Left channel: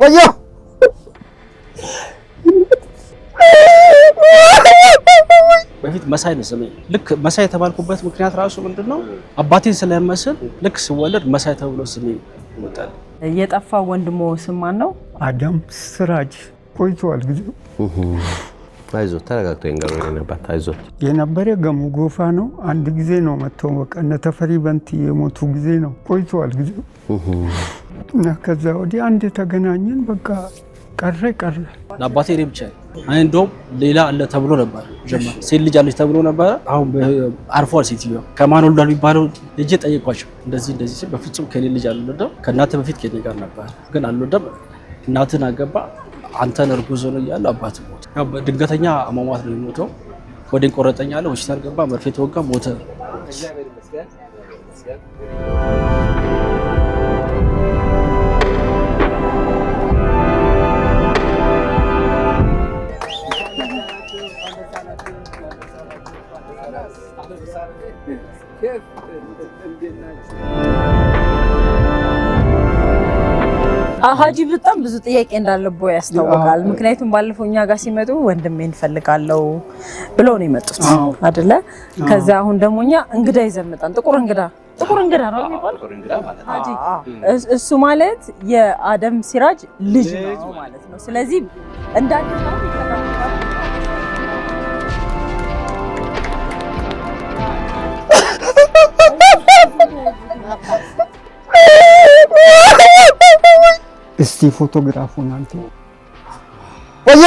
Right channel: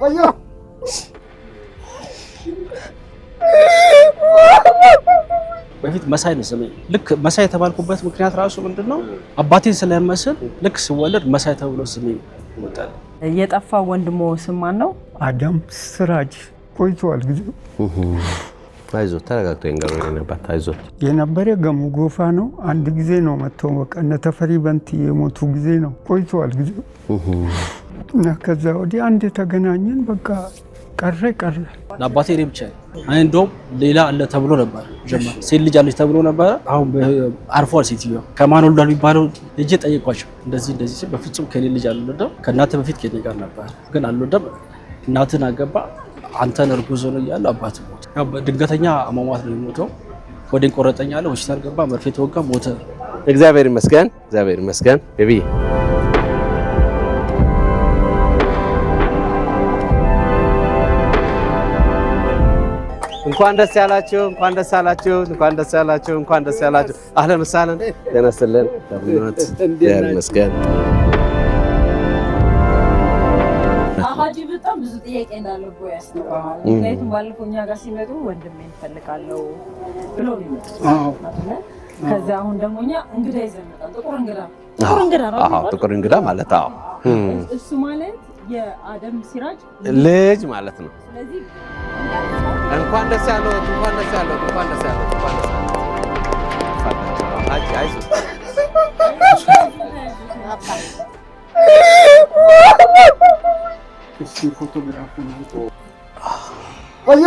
ወዮ በፊት መሳይ ነው ስሜ። ልክ መሳይ የተባልኩበት ምክንያት ራሱ ምንድነው? አባቴን ስለመስል ልክ ስወለድ መሳይ ተብሎ ስሜ ወጣል። የጠፋው ወንድሞ ስም ማን ነው? አዳም ስራጅ ቆይቷል ጊዜው። አይዞ ተረጋግቶ ይንገሩኝ ነበር። አይዞ የነበረ ገሙ ጎፋ ነው። አንድ ጊዜ ነው መጥተው በቃ እነ ተፈሪ በንቲ የሞቱ ጊዜ ነው። ቆይቷል ጊዜው እና ከዛ ወዲህ አንድ የተገናኘን በቃ ቀረ። ለአባቴ እኔ ብቻ አይ እንደውም ሌላ አለ ተብሎ ነበር። ጀማ ሴት ልጅ አለች ተብሎ ነበር። አሁን አርፏል። ሴትዮ ከማን ወልዷል የሚባለው ልጅ ጠይቋቸው እንደዚህ ሲል በፍጹም ከኔ ልጅ አልወለደም ከእናተ በፊት ከኔ ጋር ነበር ግን አልወለደም። እናትን አገባ አንተን እርጉዝ ነው እያለ አባት ሞተ። ድንገተኛ አሟሟት ነው የሞተው። ወዴን ቆረጠኝ አለ። ሆስፒታል ገባ፣ መርፌ ተወጋ፣ ሞተ። እግዚአብሔር ይመስገን፣ እግዚአብሔር ይመስገን። ቤቢ እንኳን ደስ ያላችሁ፣ እንኳን ደስ ያላችሁ፣ እንኳን ደስ ያላችሁ፣ እንኳን ደስ ያላችሁ። አህለን ወሰህለን ተነስተልን። እግዚአብሔር ይመስገን። ሀጂ በጣም ብዙ ጥያቄ እንዳለበው ያስታውቃል። ምክንያቱም ባለፈው እኛ ጋር ሲመጡ ወንድሜን እንፈልጋለው ብለው ነው የመጡት አይደለ? ከዛ አሁን ደግሞ እኛ እንግዳ ይዘን መጣን። ጥቁር እንግዳ ነው። አዎ ጥቁር እንግዳ ማለት እሱ ማለት የአደም ሲራጅ ልጅ ማለት ነው። ስለዚህ እንኳን ደስ ያለው፣ እንኳን ደስ ያለው፣ እንኳን ደስ ያለው። እስቲ ፎቶግራፉን አንተ ወዮ